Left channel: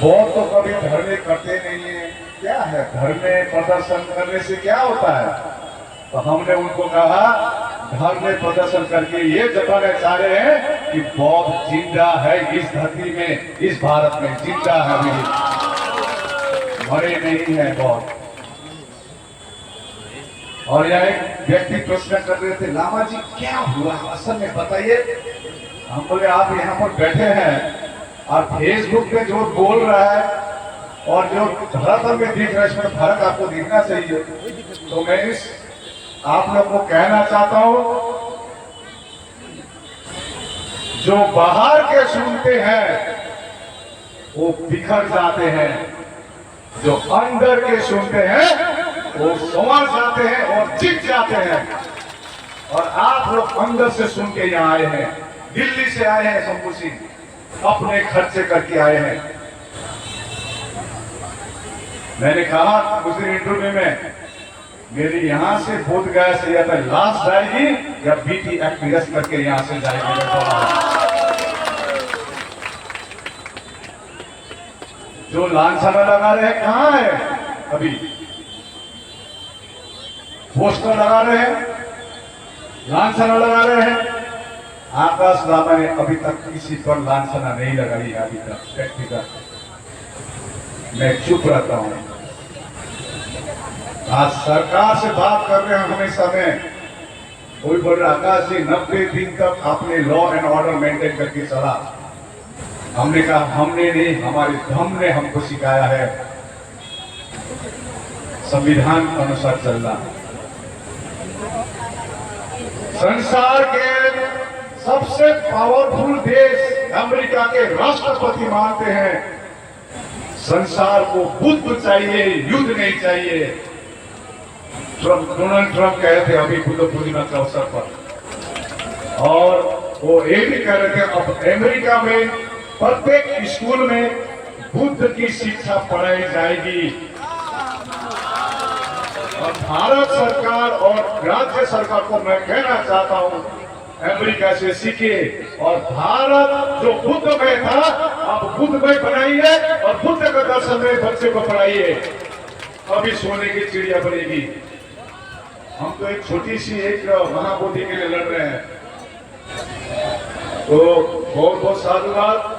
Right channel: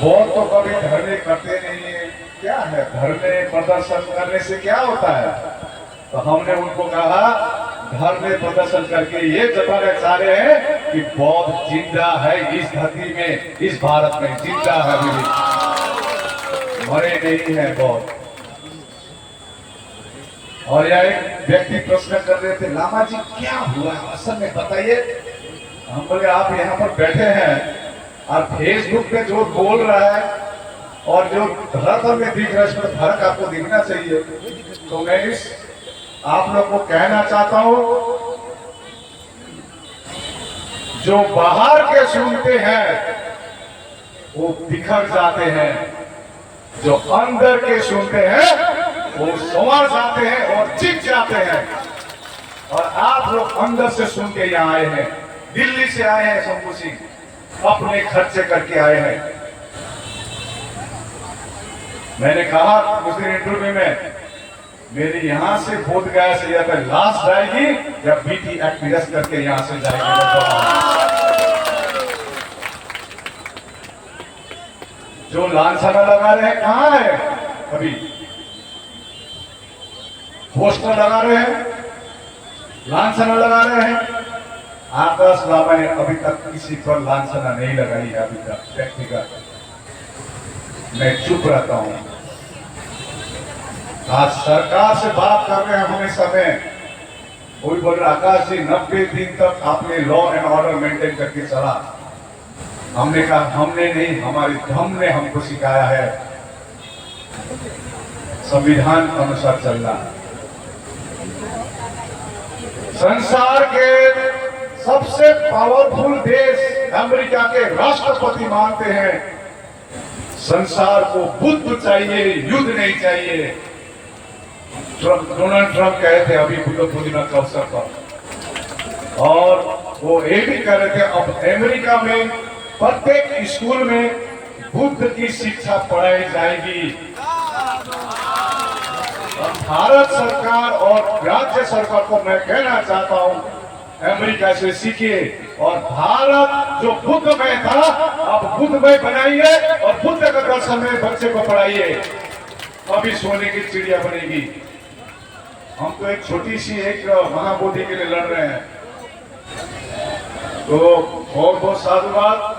बहुत तो कभी धरने करते नहीं है। क्या है धरने प्रदर्शन करने से क्या होता है? तो हमने उनको कहा धरने प्रदर्शन करके ये जताना चाह रहे हैं कि बौद्ध जिंदा है इस धरती में, इस भारत में जिंदा है, अभी मरे नहीं है बौद्ध। और यह एक व्यक्ति प्रश्न कर रहे थे, लामा जी क्या हुआ असल में बताइए। हम बोले आप यहाँ पर बैठे हैं और फेसबुक पे जो बोल रहा है और जो धरातल में दिख रहा है इसमें फर्क आपको दिखना चाहिए। तो मैं इस आप लोग को कहना चाहता हूं, जो बाहर के सुनते हैं वो बिखर जाते हैं, जो अंदर के सुनते हैं वो संवर जाते हैं और जीत जाते हैं। और आप लोग अंदर से सुन के यहाँ आए हैं, दिल्ली से आए हैं, शंभू सिंह अपने खर्चे करके आए हैं। मैंने कहा उस दिन इंटरव्यू में, मेरी यहां से बोध गया से या तो लाश जाएगी या बीटी एक्ट करके यहां से जाएगी। जो लांछना लगा रहे हैं कहां है? अभी पोस्टर लगा रहे हैं, लांछना लगा रहे हैं। आकाश लामा ने अभी तक किसी पर लांछना नहीं लगाई है अभी तक व्यक्तिगत। मैं चुप रहता हूं। आज सरकार से बात कर रहे हैं हमेशा में, कोई बोल रहा आकाश जी 90 दिन तक आपने लॉ एंड ऑर्डर मेंटेन करके चला। हमने कहा हमने नहीं, हमारे धर्म ने हमको सिखाया है संविधान के अनुसार चलना। संसार के सबसे पावरफुल देश अमेरिका के राष्ट्रपति मानते हैं संसार को बुद्ध चाहिए, युद्ध नहीं चाहिए। डोनाल्ड ट्रंप कहे थे अभी बुद्ध पूर्णिमा के अवसर पर, और वो ये भी कह रहे थे अब अमेरिका में प्रत्येक स्कूल में बुद्ध की शिक्षा पढ़ाई जाएगी। और भारत सरकार और राज्य सरकार को मैं कहना चाहता हूं अमेरिका से सीखिए और भारत जो बुद्धमय था अब बुद्धमय बनाइए और बुद्ध का दर्शन में बच्चे को पढ़ाइए, अभी सोने की चिड़िया बनेगी। हम तो एक छोटी सी एक महाबोधि के लिए लड़ रहे हैं। तो बहुत बहुत साधुवाद।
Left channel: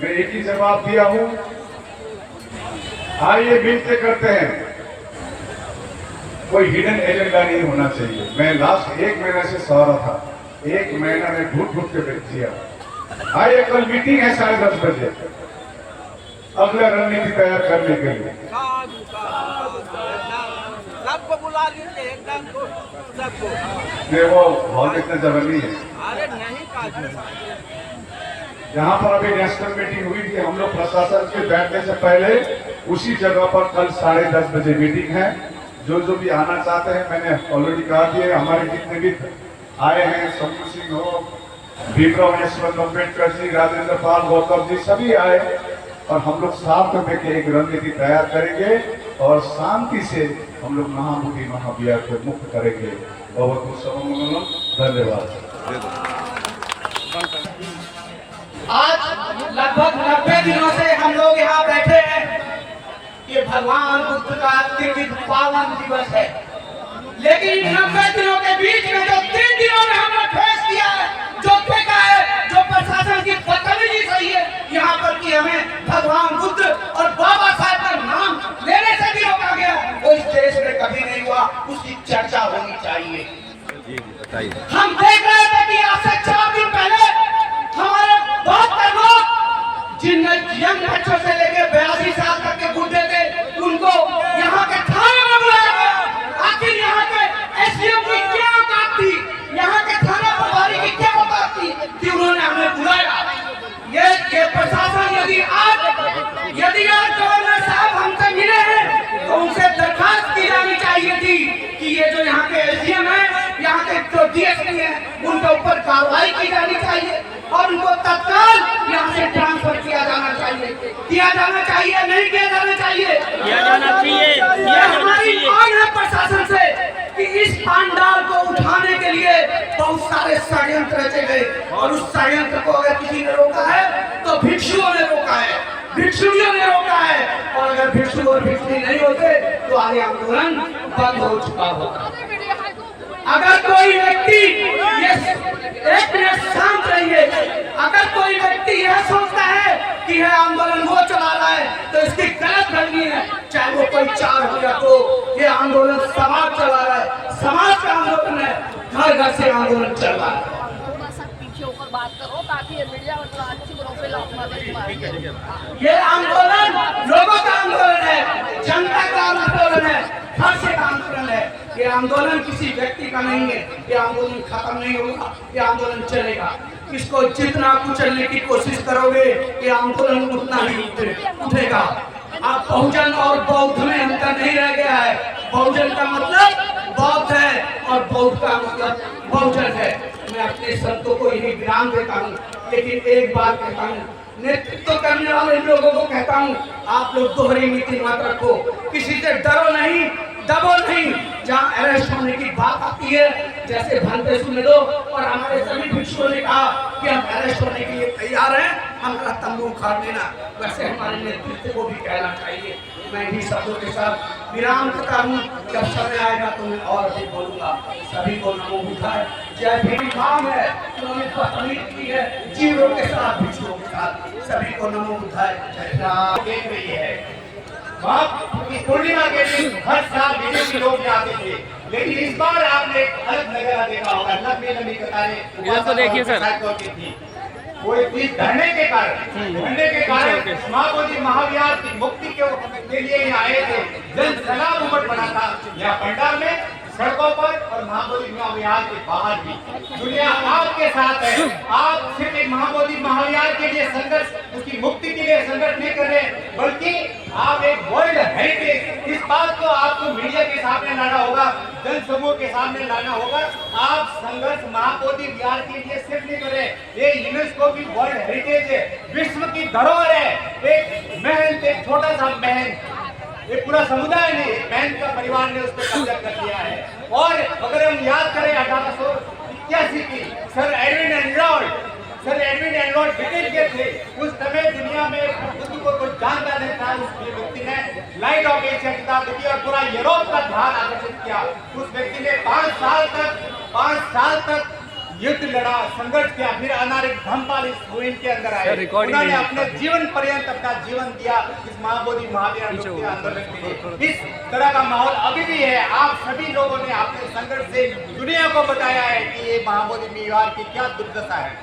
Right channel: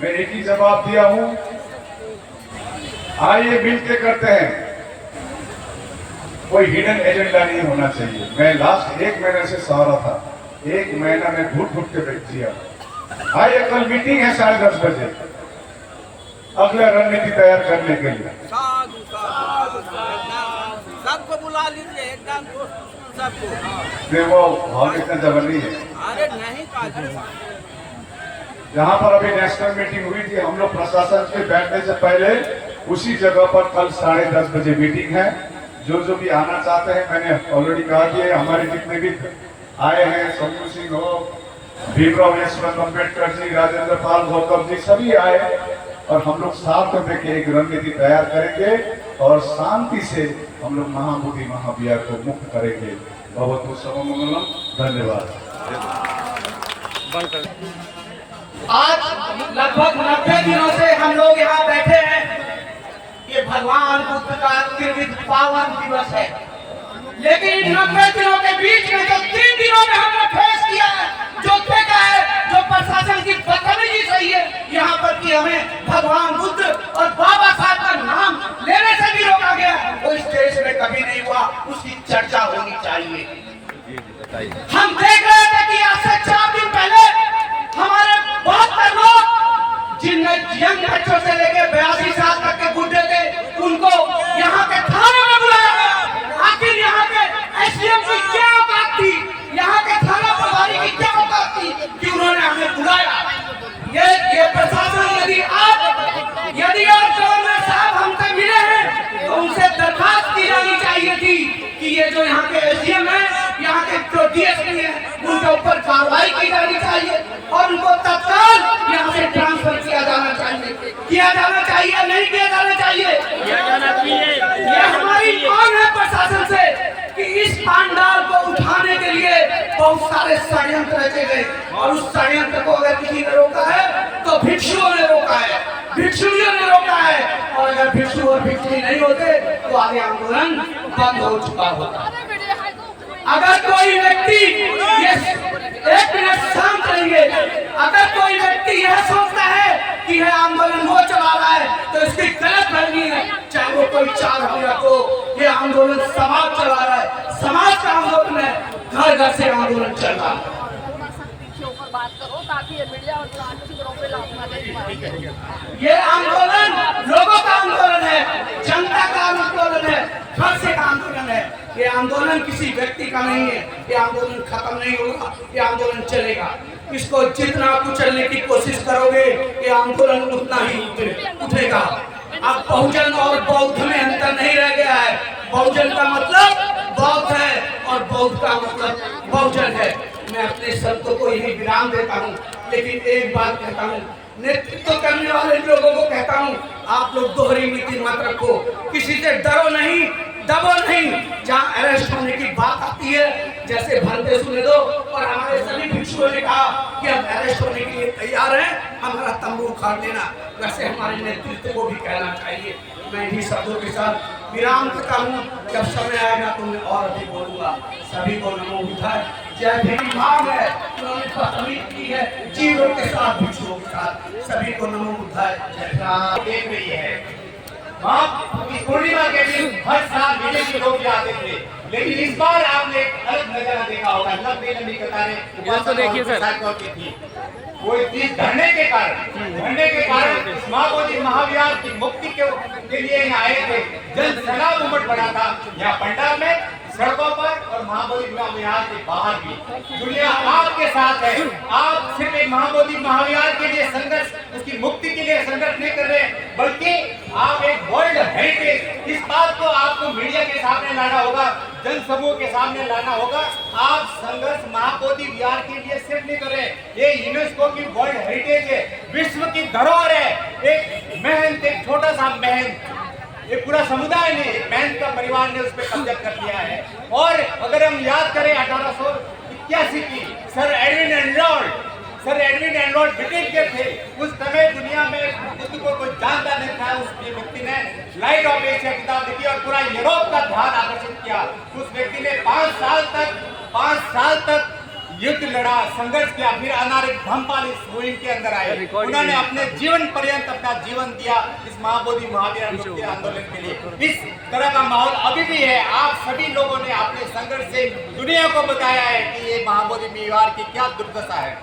मैं एक ही जवाब दिया हूं, आइए मिलकर करते हैं। कोई हिडन एजेंडा नहीं होना चाहिए। मैं लास्ट 1 महीने से सह रहा था, 1 महीना में घुट घुट के बैठ दिया। आइए कल मीटिंग है 10:30 बजे, अगला रणनीति तैयार करने के लिए सबको बुला लीजिए, एकदम सबको। नहीं वो हॉल इतना जगह नहीं है। अरे नहीं, जहाँ पर अभी नेशनल मीटिंग हुई थी हम लोग प्रशासन के बैठने से पहले उसी जगह पर कल 10:30 बजे मीटिंग है। जो जो भी आना चाहते हैं मैंने ऑलरेडी कहा कि हमारे जितने भी आए हैं, शंभू सिंह हो, भीमराव यशवंत अम्बेडकर जी, राजेंद्र पाल गौतम जी सभी आए और हम लोग साथ में मिलकर एक रणनीति तैयार करेंगे और शांति से हम लोग महाबोधि महाविहार को मुक्त करेंगे। बहुत बहुत सर्वमंगलम, धन्यवाद। आज लगभग 90 दिनों से हम लोग यहाँ बैठे हैं। ये भगवान बुद्ध का त्रिविध पावन दिवस है, लेकिन इन 90 दिनों के बीच में जो 3 दिनों में हमने फेस किया है, जो देखा है, जो प्रशासन की बदतमीजी सही है यहाँ पर कि हमें भगवान बुद्ध और बाबा साहब का नाम लेने से भी रोका गया, वो इस देश में कभी नहीं हुआ। उसकी चर्चा होनी चाहिए। हम देख रहे थे कि आज से 4 दिन पहले हमारे 72 लोग जिनमें यंग बच्चों से लेकर 82 साल तक के बुढ़े थे, उनको यहाँ के थाने में बुलाया गया। आखिर यहाँ के एसडीएम की क्या औकात थी, यहाँ के थाना प्रभारी की क्या औकात थी कि उन्होंने हमें बुलाया? ये प्रशासन यदि आज गवर्नर साहब हमसे मिले हैं तो उनसे दरखास्त की जानी चाहिए थी कि ये जो यहाँ के एसडीएम है, यहाँ के जो डीएसपी है, उनके ऊपर कार्रवाई की जानी चाहिए और उनको तत्काल यहाँ से ट्रांसफर किया जाना चाहिए। नहीं किया जाना चाहिए। ये हमारी मांग है प्रशासन से कि इस पांडाल को उठाने के लिए बहुत सारे षड्यंत्र रचे गए और उस षड्यंत्र को अगर किसी ने रोका है तो भिक्षुओं ने रोका है, भिक्षुओं ने रोका है, और अगर भिक्षु और भिक्षुणी नहीं होते तो आगे आंदोलन बंद हो चुका होता। अगर कोई व्यक्ति ये एक मिनट शांत रहिए, अगर कोई व्यक्ति यह सोचता है कि यह आंदोलन वो चला रहा है तो इसकी गलत फहमी है। चाहे वो कोई 4 हो या 2, ये आंदोलन समाज चला रहा है, समाज का आंदोलन है, घर घर से आंदोलन चल रहा है। ऊपर बात करो ताकि ये मीडिया और ये आंदोलन लोगों का आंदोलन है, जनता का आंदोलन है, घर से का आंदोलन है। ये आंदोलन किसी व्यक्ति का नहीं है, ये आंदोलन खत्म नहीं होगा, ये आंदोलन चलेगा। इसको जितना कुचलने की कोशिश करोगे ये आंदोलन उतना ही उठेगा। अब बहुजन और बौद्ध में अंतर नहीं रह गया है। बहुजन का मतलब बौद्ध है और बौद्ध का मतलब बहुजन है। मैं अपने शब्दों को यही विराम देता हूँ, लेकिन एक बात कहता हूँ, नेतृत्व करने वाले लोगों को कहता हूँ, आप लोग दोहरी नीति मत रखो, किसी से डरो नहीं, दबो नहीं। जहाँ अरेस्ट होने की बात आती है, जैसे भंते सुने दो और हमारे सभी भिक्षुओं ने कहा कि हम अरेस्ट होने के लिए तैयार हैं, हमारा तंबू उखाड़ देना, वैसे हमारे नेतृत्व को भी कहना चाहिए। मैं इन्हीं शब्दों के साथ विराम देता हूँ। जब समय आएगा तो मैं और अधिक बोलूंगा। सभी को नमो बुद्धाय। जय भीम मांग है, उन्होंने बदतमीजी की है जीवों के साथ, भिक्षुओं के साथ। सभी को नमो बुद्धाय। जय राम। देख रही है माँ पूर्णिमा के दिन हर साल विदेशी लोग आते थे, लेकिन इस बार आपने एक अलग नजारा देखा होगा। लंबी लंबी कतारें होती थी। वो इस धरने के कारण महाबोधि महाविहार की मुक्ति के लिए यहाँ आए थे। जन सैलाब उमड़ पड़ा था यहाँ पंडाल में, सड़कों पर और महाबोधि महाविहार के बाहर भी। दुनिया आपके साथ है। आप सिर्फ एक महाबोधि महाविहार के लिए संघर्ष, उसकी मुक्ति के लिए संघर्ष नहीं कर रहे, बल्कि आप एक वर्ल्ड हेरिटेज, इस बात को आपको मीडिया के सामने लाना होगा, जन समूह के सामने लाना होगा। आप संघर्ष महाबोधि विहार के लिए सिर्फ नहीं कर रहे, ये यूनेस्को की वर्ल्ड हेरिटेज है, विश्व की धरोहर है। एक महल, एक छोटा सा महल, ये पूरा समुदाय ने, एक महल का परिवार ने उस पर कब्जा कर लिया है। और अगर हम याद करें 1881 की, सर एडविन एनलॉर्ड ब्रिटेन के थे। उस समय दुनिया में बुद्ध को कोई जानता नहीं था। उस व्यक्ति ने लाइट ऑफ एशिया किताब लिखी और पूरा यूरोप का ध्यान आकर्षित किया। उस व्यक्ति ने 5 साल तक युद्ध लड़ा, संघर्ष किया, फिर अनारिक धम्मपाल इस मुहिम के अंदर आए। उन्होंने अपने जीवन पर्यंत अपना जीवन दिया इस महाबोधि महावीर मुक्ति आंदोलन के लिए। इस तरह का माहौल अभी भी है। आप सभी लोगों ने अपने संघर्ष से दुनिया को बताया है कि ये महाबोधि विहार की क्या दुर्दशा है।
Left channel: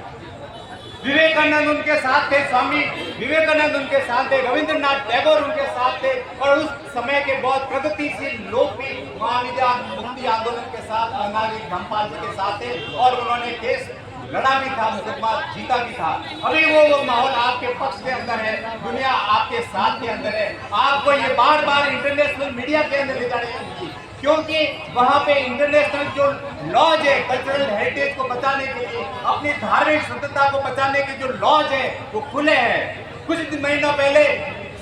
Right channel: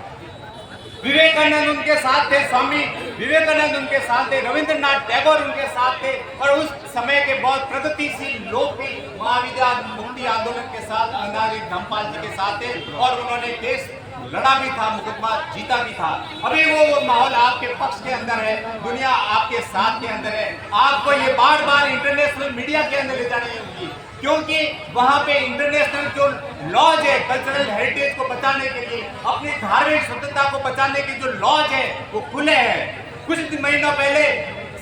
विवेकानंद उनके साथ थे, स्वामी विवेकानंद उनके साथ थे, रविंद्रनाथ टैगोर उनके साथ थे, और उस समय के बहुत प्रगतिशील लोग भी महाविहार मुक्ति आंदोलन के साथ अनारिक धम्मपाल जी के साथ थे, और उन्होंने केस लड़ा भी था, मुकदमा जीता भी था। अभी वो माहौल आपके पक्ष के अंदर है, दुनिया आपके साथ के अंदर है। आपको ये बार बार इंटरनेशनल मीडिया के अंदर ले जानी होगी, क्योंकि वहां पे इंटरनेशनल जो लॉज है, कल्चरल हेरिटेज को बचाने के लिए, अपनी धार्मिक स्वतंत्रता को बचाने के जो लॉज है वो खुले हैं। कुछ महीनों पहले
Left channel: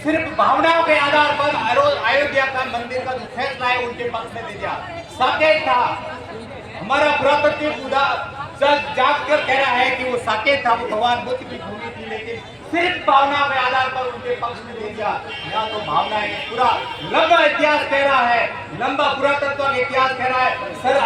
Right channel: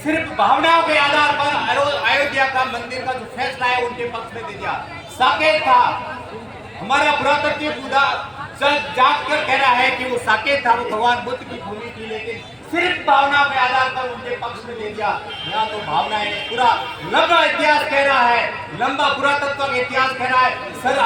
सिर्फ भावनाओं के आधार पर अयोध्या का मंदिर का जो फैसला है उनके पक्ष में दे दिया। साकेत था, हमारा पुरातत्व जाग कर कह रहा है कि वो साकेत था, वो भगवान बुद्ध की भूमि थी, लेकिन सिर्फ भावना के आधार पर उनके पक्ष में दे दिया। यहाँ तो भावनाएं नहीं, पूरा लंबा इतिहास कह रहा है, लंबा पुरातत्व का इतिहास कह रहा है। सर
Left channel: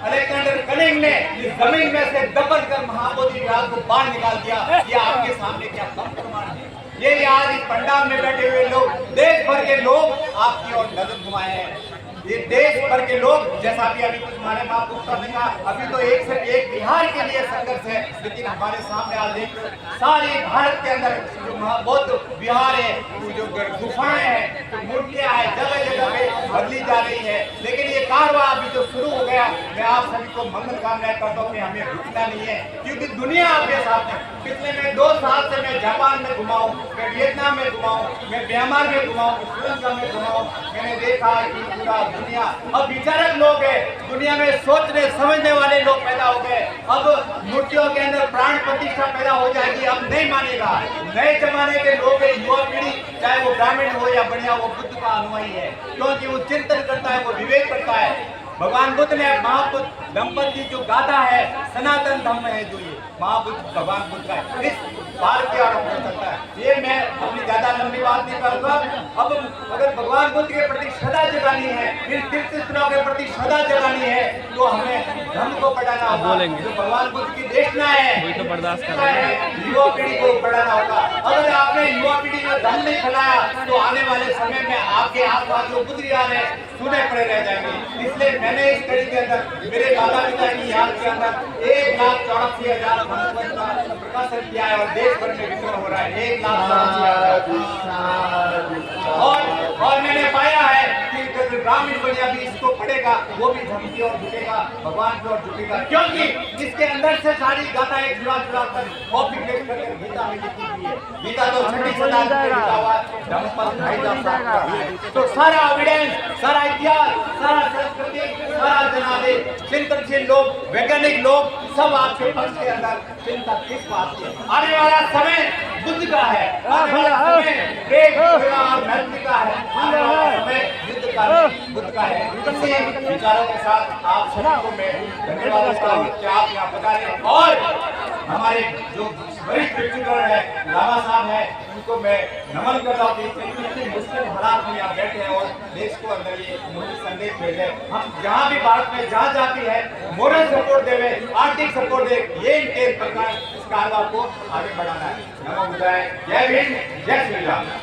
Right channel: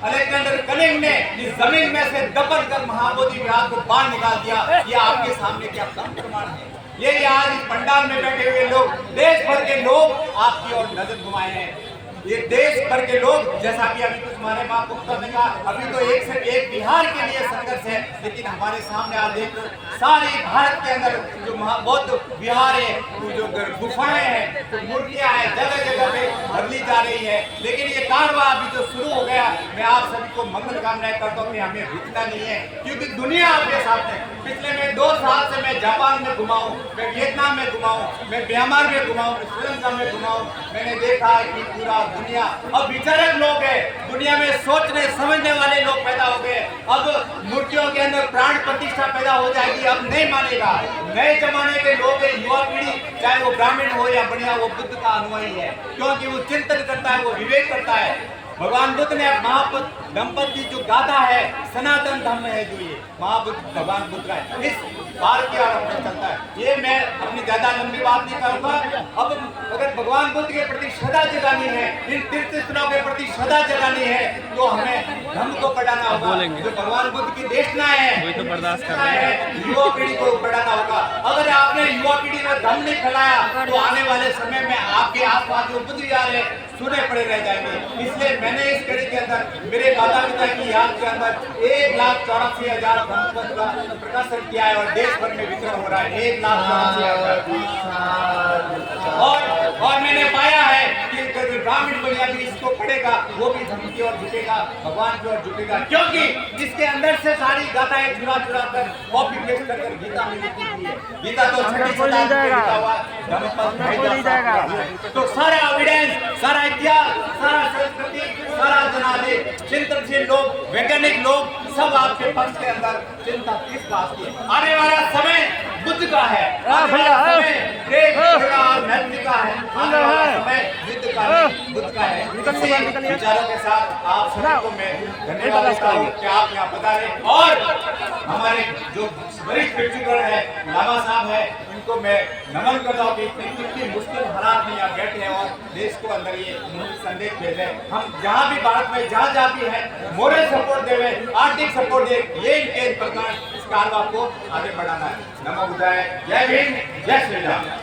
अलेक्जेंडर कनिंग ने इस जमीन में से दबन कर महाबोधि विहार को बाहर निकाल दिया। ये आपके सामने क्या कम प्रमाण है। ये आज इस पंडाल में बैठे हुए लोग, देश भर के लोग आपकी ओर नजर घुमाए हैं। ये देश भर के लोग, जैसा भी अभी कुछ हमारे महापुरुषों ने कहा, अभी तो एक से एक बिहार के लिए संघर्ष है, लेकिन हमारे सामने आज देख सारी भारत के अंदर जो बौद्ध विहार है, जो गुफाएं हैं, जो मूर्तियां हैं, जगह जगह पे बदली जा रही है। लेकिन ये कारवां अभी जो शुरू हो गया, मैं आप सभी को मंगल कामनाएं करता हूँ कि हमें रुकना नहीं है, क्योंकि दुनिया आपके साथ है। पिछले मैं 2 साल से मैं जापान में घुमा हूँ, मैं वियतनाम में घुमा हूँ, मैं म्यांमार में घुमा हूँ, श्रीलंका में घुमा हूँ। मैंने देखा कि पूरा दुनिया अब विचारक लोग हैं, दुनिया में सोचने समझने वाले लोग पैदा हो गए। अब मूर्तियों के अंदर प्राण प्रतिष्ठा पैदा हो जाएगी, अब नहीं मानेगा। नए जमाने के लोग हैं, युवा पीढ़ी, चाहे वो ग्रामीण हो या बढ़िया, वो बुद्ध का अनुयायी है, क्योंकि वो चिंतन करता है, वो विवेक करता है। भगवान बुद्ध ने महाबुद्ध दंपति जो गाथा है, सनातन धर्म है जो ये महाबुद्ध भगवान बुद्ध का है, इस बार के आरंभ में चलता है। ये मैं अपनी ज्यादा लंबी बात नहीं करूंगा। अब अगर भगवान बुद्ध के प्रति श्रद्धा जगानी है, इन तीर्थ स्थलों के प्रति श्रद्धा जगानी है, तो हमें धर्म को बढ़ाना होगा। जो भगवान बुद्ध की देशना है, तो बर्दाश्त कर रहे हैं, युवा पीढ़ी को बढ़ाना होगा। अगर आपने युवा पीढ़ी में धर्म नहीं फैलाया तो आने वाले समय में आपके आसपास जो बुद्ध विहार है सुने पड़े रह जाएंगे। इसलिए मैंने इस कड़ी के अंदर मेरे माता पिता की याद के अंदर 1,84,000 धम्मपद का प्रकाशन किया है और देश भर में वितरण हो रहा है 1,84,000। और मैंने पाया है कि ग्रामीण बनिया भी इसको पढ़ेगा, वो भी धर्म की ओर झुकेगा, भगवान की ओर झुकेगा, क्योंकि इसके अंदर से सारी गाथाएं चुरा कर कॉपी पेस्ट कर गीता में लिखी हुई है। गीता तो 6वीं शताब्दी में लिखा हुआ है, धम्मपद 2,500 साल पुराना है। तो सारा एविडेंस, सारा इतिहास, सारा संस्कृति, सारा जनादेश, चिंतनशील लोग, वैज्ञानिक लोग सब आपके पक्ष के अंदर चिंता किस बात की है। आने वाला समय बुद्ध का है, आने वाला समय प्रेम, करुणा और मैत्री का है, आने वाला समय युद्ध का नहीं, बुद्ध का है। इसी विचारों के साथ आप सभी को मैं धन्यवाद देता हूँ कि आप यहाँ पधारे। और हमारे जो वरिष्ठ व्यक्तिगण है, लामा साहब है, उनको मैं नमन करता हूँ कि इतनी मुश्किल हालात में यहाँ बैठे हैं और देश को अंदर ये मूल्य संदेश भेजे। हम जहाँ भी भारत में जहाँ भी है मोरल सपोर्ट देवे, आर्थिक सपोर्ट दे, ये इनके प्रकार इस कारवा को आगे बढ़ाना है। नमो बुद्धाय, जय भीम, जय श्री राम।